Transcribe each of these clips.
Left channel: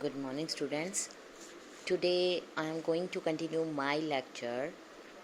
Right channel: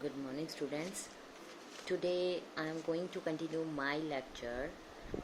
Good morning, students. Today I am going to continue my lecture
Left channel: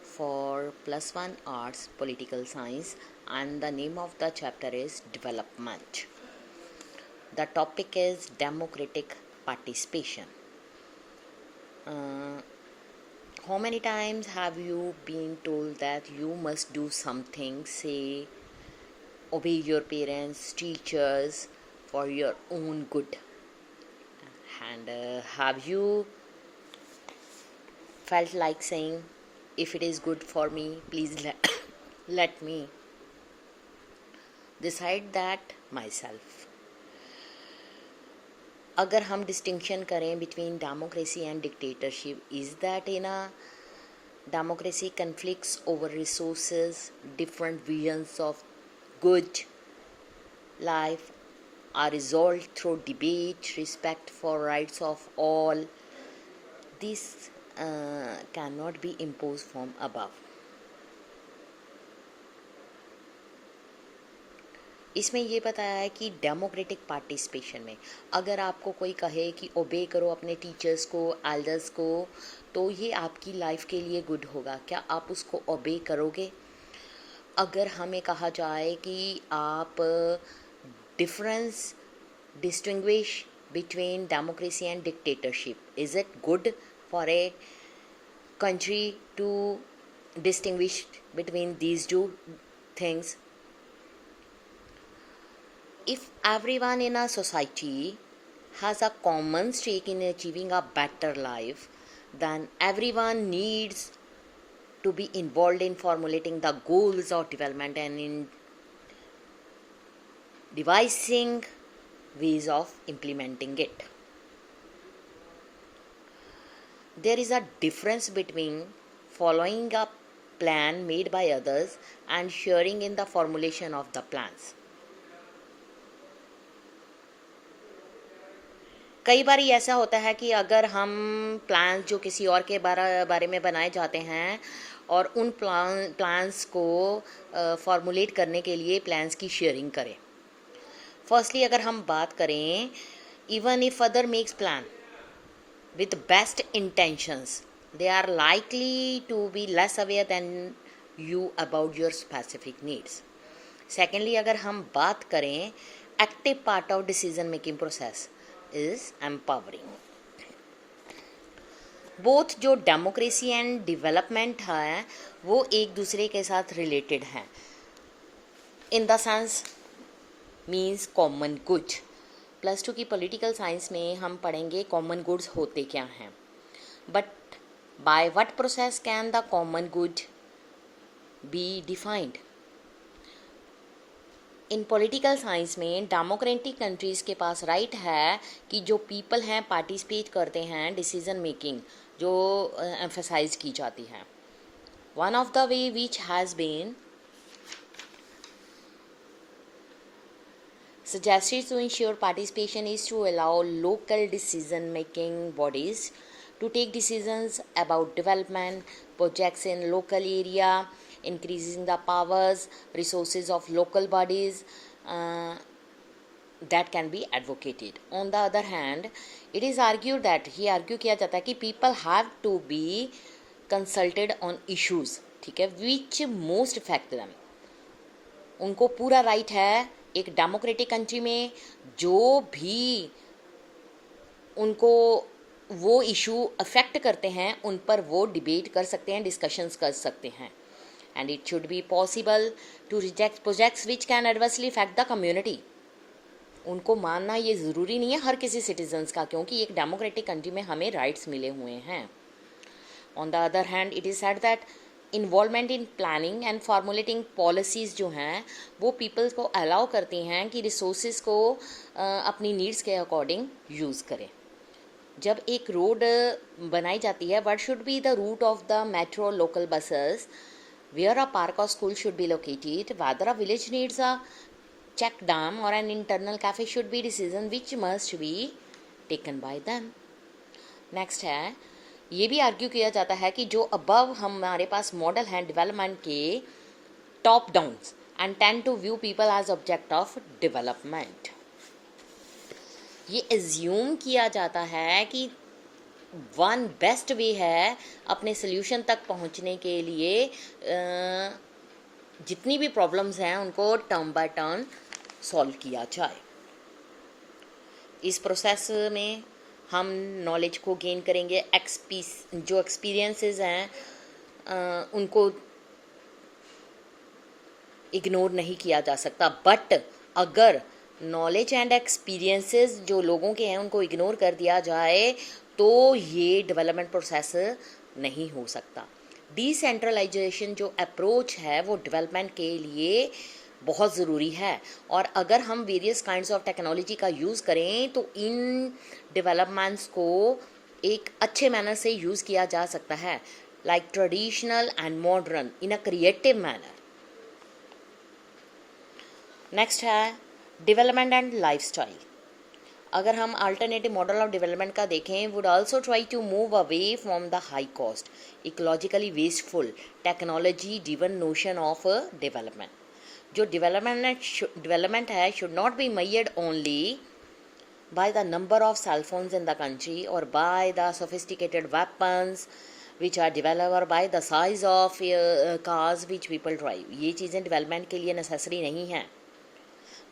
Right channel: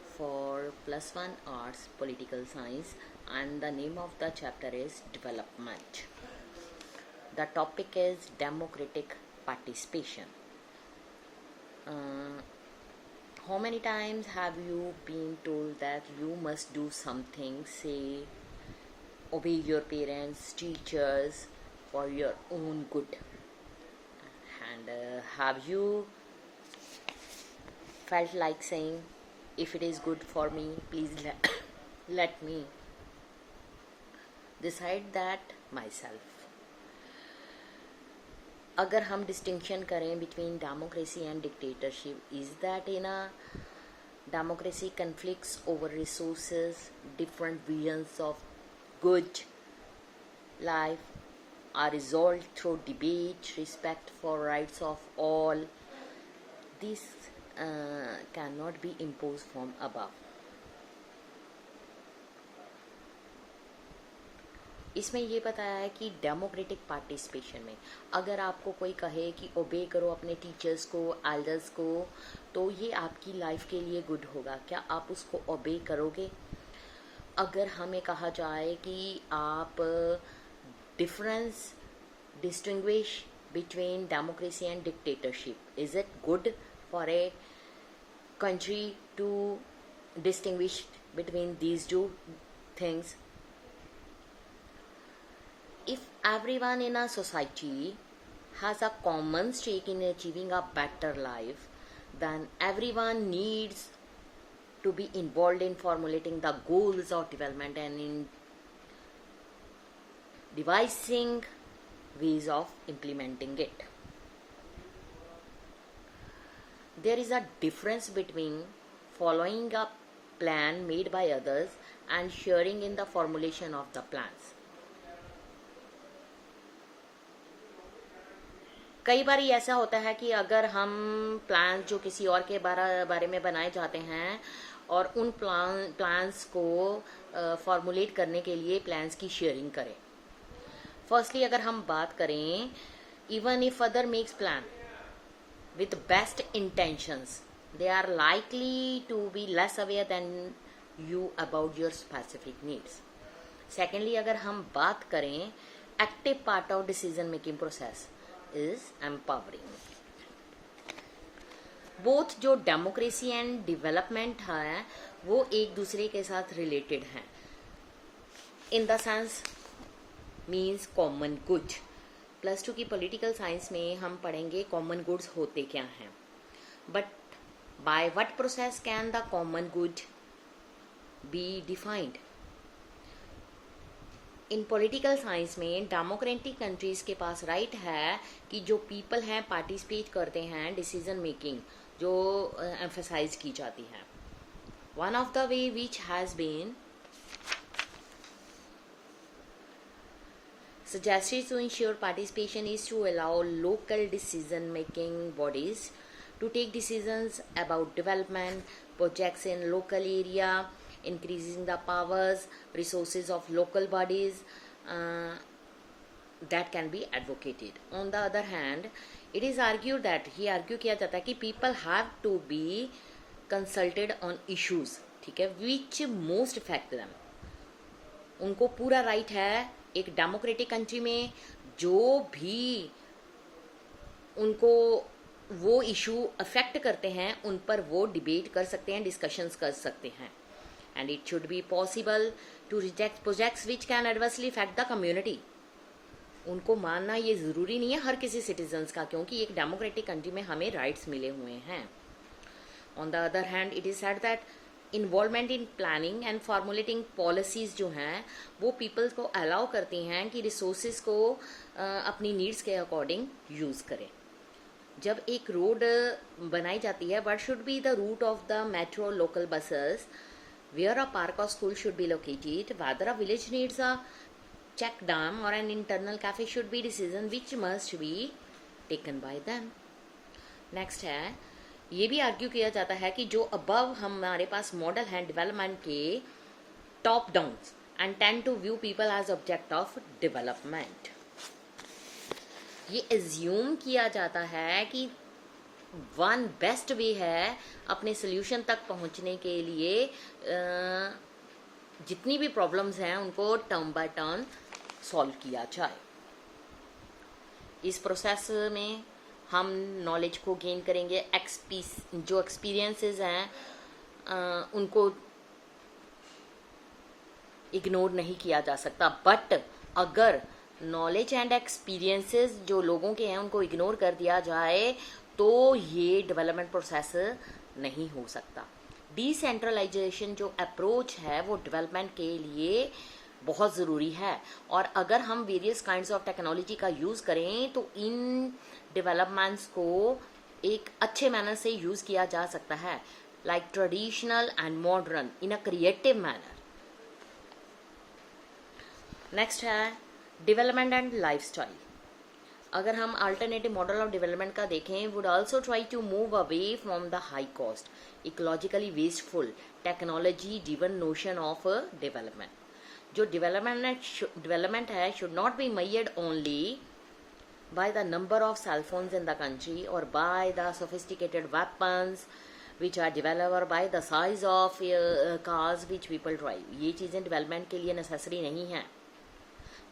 for plus one arts political science, and the name of the chapter is development. The topic is democratic participation. How many times have you been told that you must do something, say obey your parents, teachers for your own good? And have you felt like saying, if it is good for me, please let me decide that myself? अगर हम distinction करें between democracy and dictatorship, is that in a democracy conflicts over resources, different visions of good life are resolved through debate, respect for rights of all. This cannot be imposed from above. इसमें ये बताया है कि democratic participation में अगर आपको कोई कहे कि ओबे करो अपने टीचर्स को, एल्डर्स को, तो ये आपकी लाइफ के लिए गुड होगा, क्या आप उसको ओबे करोगे? अगर हमें कहा जाए कि आप difference distinguish between democracy and dictatorship, is it good for a country to distinguish between these two things? If everyone in a society has a common stake in achieving a better life, then everyone needs to be involved in formulating the goals of development and in devising ways of implementing it. There is a difference between following a plan made by others and sharing in the formulation of the plans. कई बार ऐसा होता है कि अगर हम plan जो किसी और के बारे में बनाए जाते हैं और उन प्लान्स को फॉर्मुलेट करने के लिए प्लान्स की शेयरिंग करें. फर्स्टली अगर हम बात करें, even if other makes plan with best intentions, they are likely to be less aware than you about your specific needs. Secondly, अगर हम बात करें, active part of decision making process is empowering. Both जो democracy and development है वो एक दूसरे के साथ रिलेटेड हैं. In the sense means common good. Plus two की पॉलिटिकल साइंस में हम पढ़ेंगे कॉमन गुड्स होते क्या हैं. But by what process can the common good be defined? In political science में डेमोक्रेटिक कंट्रीज़ के पास राइट है कि जो पीपल हैं पार्टिसिपेट करते हैं डिसीजन मेकिंग जो एम्फसाइज की जाती है. One of the way which has been suggested to ensure participation is to allow local decision-making bodies to take decisions about development projects in local area, increasing the powers, resources of local bodies that can be advocated. On the other hand, it is argued that किया जाता है कि people have to be consulted on issues, ठीक है, which most affect them. उनको पूरा right है एक डेमोक्रेटिक कंट्री में जो भी उनको वो इशू अफेक्ट करते हैं उन पर वो डिबेट कर सकते हैं, डिस्कशंस कर सकते हैं. And it should be possible to reject projects which can adversely effect the community. उनको मानना ये ज़रूरी नहीं है हर किसी सिटीजन्स का, क्योंकि एक डेमोक्रेटिक कंट्री में हमें राइट्स मिले हुए हैं. On the other hand it is said that involvement in planning and formulating policies जो हैं वो पीपल्स को अलाउ करती हैं कि रिसोर्सेज को अपनी नीड्स के अकॉर्डिंग यूज़ करें. जब एक रोड बनाई जाती है, what should be the route of the metro local buses, where a park और school should be located, whether a village needs a check dam और an internet cafe should be decision which must be taken by them. Next है, ये भी argue किया जाता है कि जो अबव हमारे पास मॉडल हैं डेवलपमेंट के, top down and tend to view people as object of development. ये एज्यूम किया जाता है कि वन बेस्ट वे है अपने सोल्यूशन तक पहुंचने के लिए जितनी भी प्रॉब्लम्स हैं उनको टर्म बाय टर्म सॉल्व किया जाए। इस प्रोसेस में हम नॉलेज को गेन करेंगे, जो एक्सपीरियंसेस हैं उनको इग्नोर नहीं किया जा सकता। बट अगर नॉलेज एंड एक्सपीरियंसेस जो लोगों के हैं उनको इग्नोर कर दिया जाए तो ये डेवलपमेंट प्रोसेस नहीं हो सकता। डिसेंट्रलाइजेशन जो अप्रोच है वो डेवलपमेंट के लिए बहुत ज़रूरी है, और अगर हम वेरियस काइंड्स ऑफ टेक्नोलॉजी का यूज़ करें तो इन डेवलपमेंट्स को एक अच्छे मैनर से यूज़ किया जा सकता है, like traditional and modern in a creative manner. Next है डेवलपमेंट एंड लाइफस्टाइल। अगर हम अल्टरनेटिव मॉडल ऑफ डेवलपमेंट का देखें, would also try to move away from the high cost ecologically wasteful technology driven notion of development. जो development है should not be measured only by the number of cell phones in the country or by the sophisticated weapons which are developed by the size of cars which people drive। ये चीज़ें development के लिए necessary नहीं हैं,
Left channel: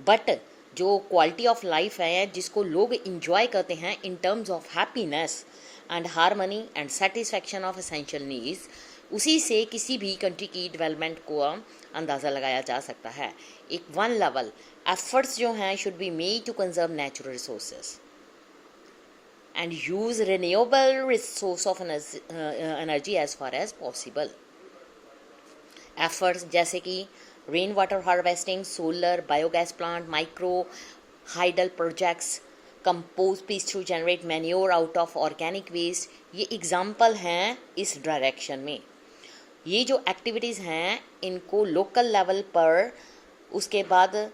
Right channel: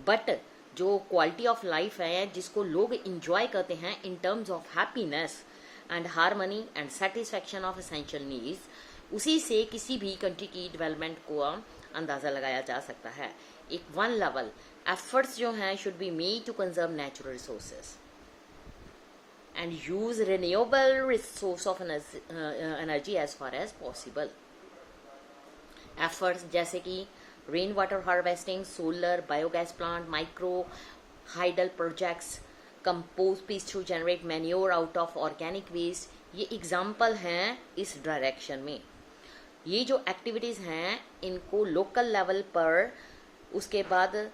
but जो quality of life है जिसको लोग इंजॉय करते हैं in terms of happiness and harmony and satisfaction of essential needs, उसी से किसी भी कंट्री की डेवलपमेंट को अंदाज़ा लगाया जा सकता है। एक वन लेवल एफर्ट्स जो हैं should be made to conserve natural resources and use renewable source of energy as far as possible. Efforts जैसे कि rain water harvesting, solar, biogas plant, micro hydel projects, compost pits to generate manure out of organic waste, ये example हैं इस direction में। ये जो activities हैं इनको लोकल लेवल पर उसके बाद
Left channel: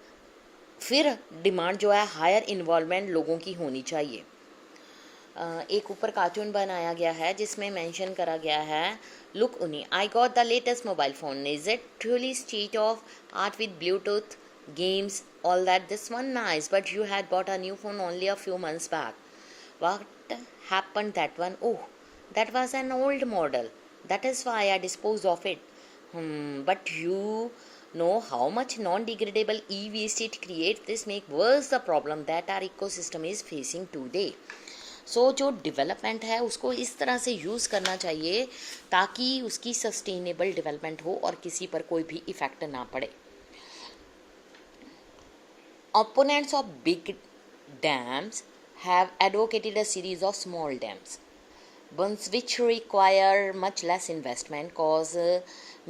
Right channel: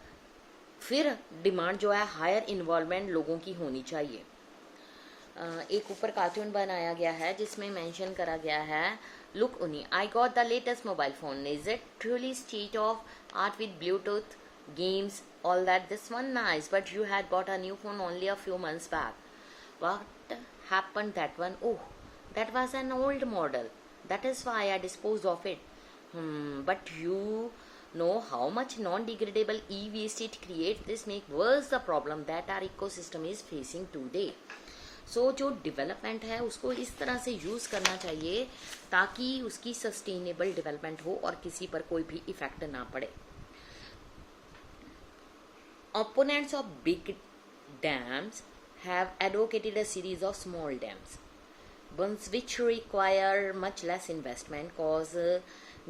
फिर डिमांड जो है हायर इन्वॉल्वमेंट लोगों की होनी चाहिए। एक ऊपर कार्टून बनाया गया है जिसमें मेंशन करा गया है, लुक उन्नी I got the latest mobile phone, is it truly state of art with Bluetooth games all that, this one nice but you had bought a new phone only a few months back, what happened that one? Oh, that was an old model, that is why I disposed of it. But you know how much non-degradable e-waste it creates. This make worse the problem that our ecosystem is facing today. सो जो development है उसको इस तरह से use करना चाहिए ताकि उसकी सस्टेनेबल डेवलपमेंट हो और किसी पर कोई भी इफेक्ट ना पड़े। Opponents of big dams have advocated a series of small dams, ones which require much less investment, cause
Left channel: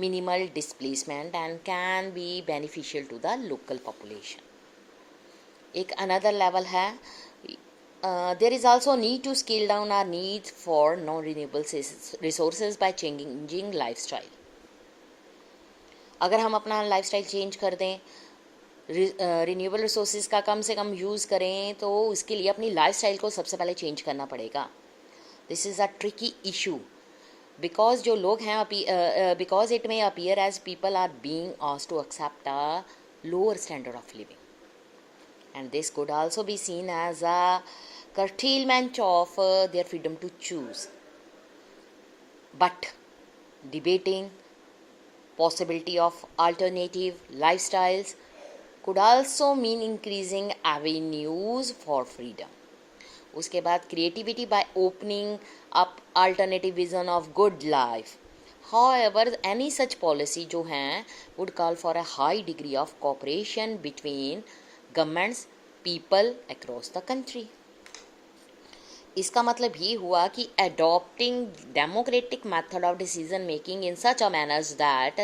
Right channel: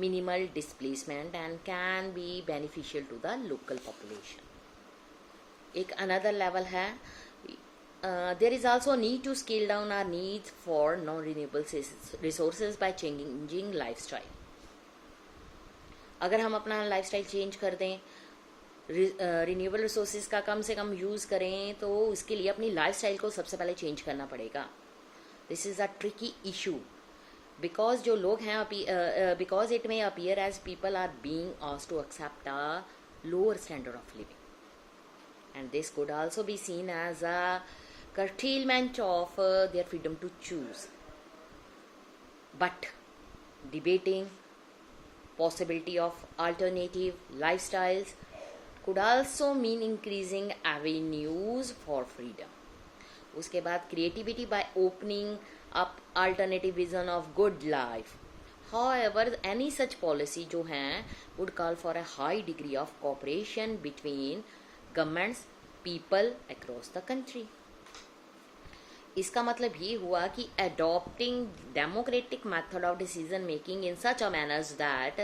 minimal displacement and can be beneficial to the local population. एक another level है, there is also need to scale down our needs for non-renewable resources by changing lifestyle. अगर हम अपना lifestyle change कर दें, renewable resources का कम से कम use करें, तो इसके लिए अपनी लाइफस्टाइल को सबसे पहले चेंज करना पड़ेगा। This is a tricky issue because जो लोग हैं because it may appear as people are being asked to accept a lower standard of living and this could also be seen as a curtailment of their freedom to choose. But debating possibility of alternative lifestyles could also mean increasing avenues for freedom. उसके बाद creativity by opening up alternative vision of good life. However, any such policy जो हैं would call for a high degree of cooperation between governments, people across the country. इसका मतलब ये हुआ कि adopting democratic method of decision making in such a manners that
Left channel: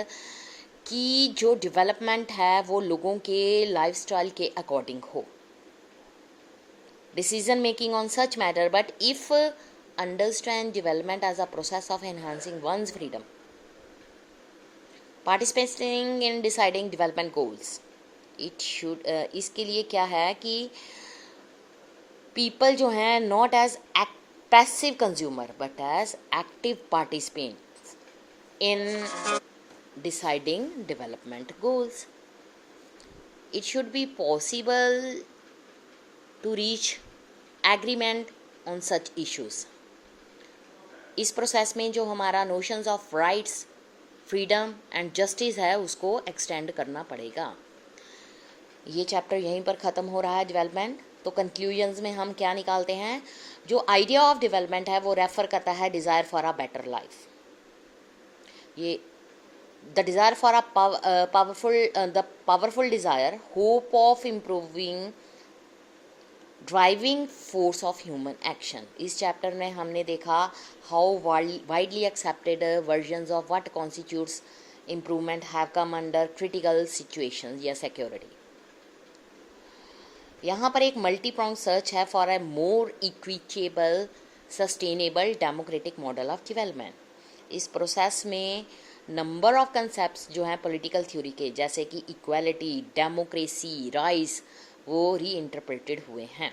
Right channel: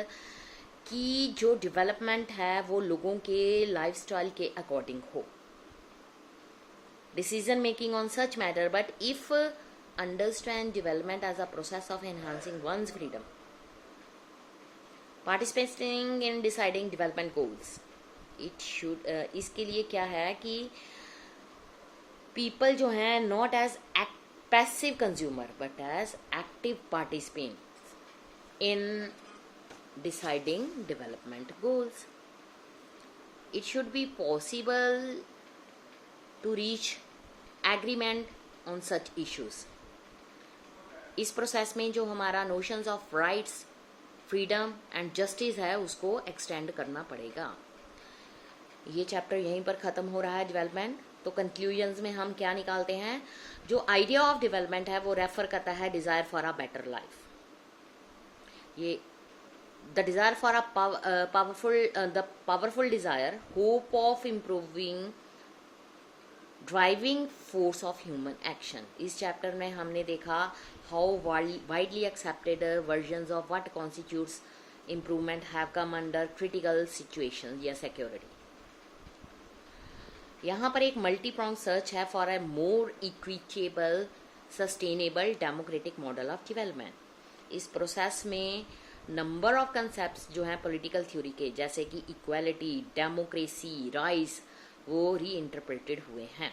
कि जो development है वो लोगों के लाइफस्टाइल के अकॉर्डिंग हो, decision making on such matter, but if understand development as a process of enhancing one's freedom, participating in deciding development goals, it should इसके लिए क्या है कि पीपल जो हैं not as passive consumer but as active participants in deciding development goals. It should be possible to reach agreement on such issues. इस process में जो हमारा notions of rights, freedom and justice है उसको एक्सटेंड करना पड़ेगा। ये चैप्टर यहीं पर ख़त्म हो रहा है डेवलपमेंट। तो कंक्लूजन्स में हम क्या निकालते हैं, जो आइडिया ऑफ डेवलपमेंट है वो रेफर करता है desire for a better life. ये the desire for a powerful desire, hope of improving, driving force of human action. इस चैप्टर में हमने देखा how widely accepted versions of what constitutes improvement have come under critical situations या security. यहाँ पर एक multi prong search है for a more equitable, sustainable, democratic model of development. इस प्रोसेस में नंबर ऑफ कंसेप्ट्स जो हैं पॉलिटिकल थ्योरी के, जैसे कि इक्वालिटी, डेमोक्रेसी, राइट्स, वो री इंटरप्रेटेड हुए हैं।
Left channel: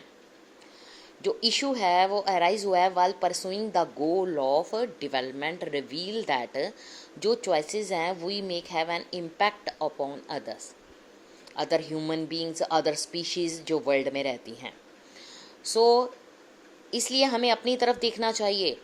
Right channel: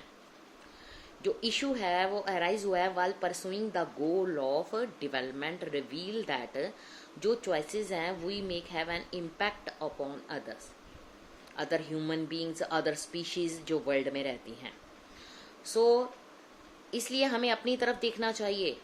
जो इशू है वो अराइज हुआ है while pursuing the goal of development, reveal that जो चॉइसेस हैं we make have an impact upon others, other human beings, other species जो वर्ल्ड में रहती हैं। इसलिए हमें अपनी तरफ देखना चाहिए,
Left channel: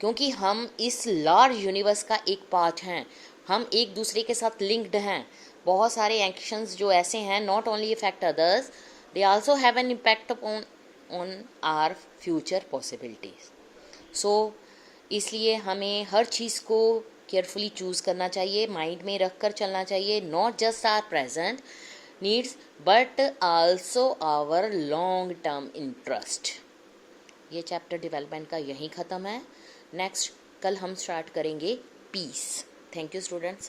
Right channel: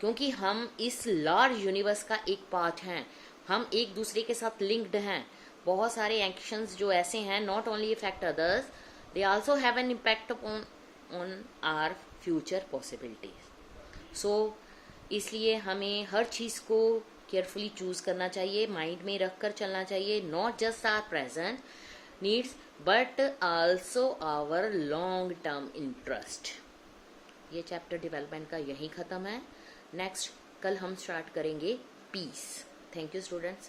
क्योंकि हम इस लार्ज यूनिवर्स का एक पार्ट हैं, हम एक दूसरे के साथ लिंक्ड हैं। बहुत सारे एक्शंस जो ऐसे हैं not only effect others, they also have an impact on our future possibilities. इसलिए हमें हर चीज़ को केयरफुली चूज़ करना चाहिए, माइंड में रख कर चलना चाहिए, not just our present needs but also our long term interest. ये चैप्टर डेवलपमेंट का यहीं ख़त्म है। नेक्स्ट कल हम स्टार्ट करेंगे पीस। Thank you students.